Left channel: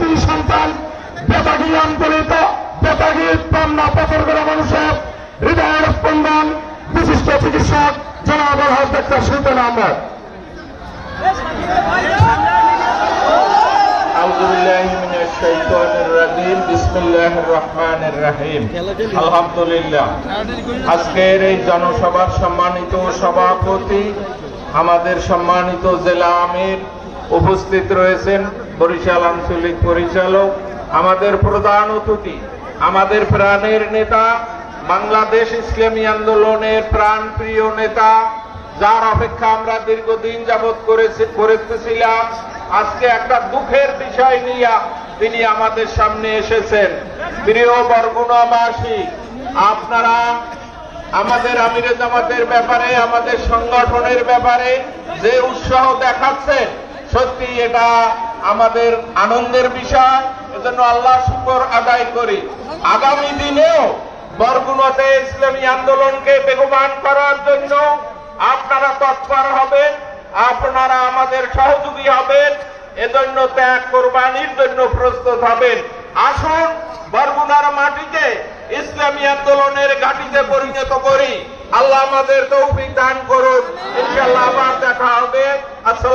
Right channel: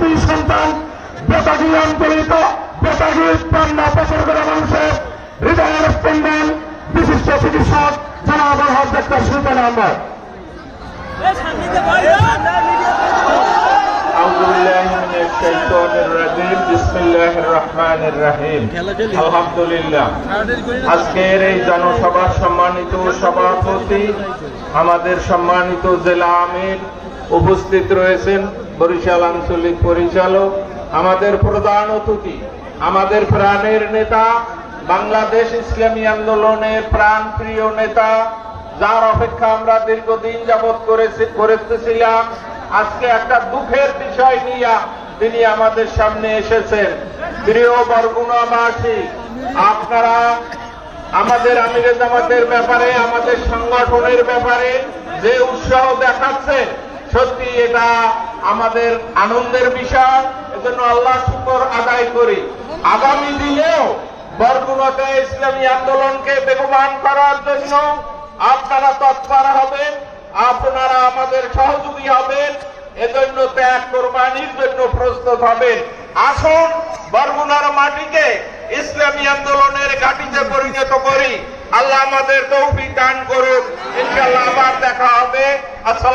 দুই সন্তান বেতাগী আন্তরিত বেতাগী পান্না পছন্দের মানুষ হৃদয়ের স্পন্দন বিশিষ্ট চিকিৎসক জনাব ডাক্তার সুলতান আহমদ। আলহামদুলিল্লাহ, আজকের এই জনসভার সম্মানিত সভাপতি, আমাদের সম্মানিত জেলা আমির উপস্থিত রয়েছেন, বরিশাল আঞ্চলিক পরিচালক, আমাদের প্রধান অতিথি, আমাদের প্রাণের নেতা, বাংলাদেশ ইসলামী আন্দোলনের প্রাণপ্রিয় নেতা, যার অপেক্ষা আমরা দীর্ঘদিন যাবৎ করেছিলাম। আজকে একটা দুঃখের বিষয় নিয়ে তিনি আমাদের সামনে এসেছেন। প্রিয় বরগুনাবাসী, আপনারা আমাদের আমিরে জামাতের ব্যাপারে, আমাদের সংগঠনের ব্যাপারে যে উৎসাহ দেখাচ্ছেন, সত্যি এটা আমাদের আনন্দের বিষয়। এজন্য আল্লাহ শুকর আদায় করি। আগামী দিনেও বরগুনাতে ইসলামী আন্দোলনকে বেগবান করার জন্য আপনারা তৎপর হবেন, আপনারা আমাদের সহযোগী হবেন, এজন্য ত্যাগ কোরবানির জন্য প্রস্তুত হবেন। আসুন বরগুনার মাটিকে ইসলামী আন্দোলনের ঘাঁটিতে পরিণত করি। আল্লাহ আমাদের তৌফিক দান করুন। ইনশাআল্লাহ আবার দেখা হবে। আসসালাম।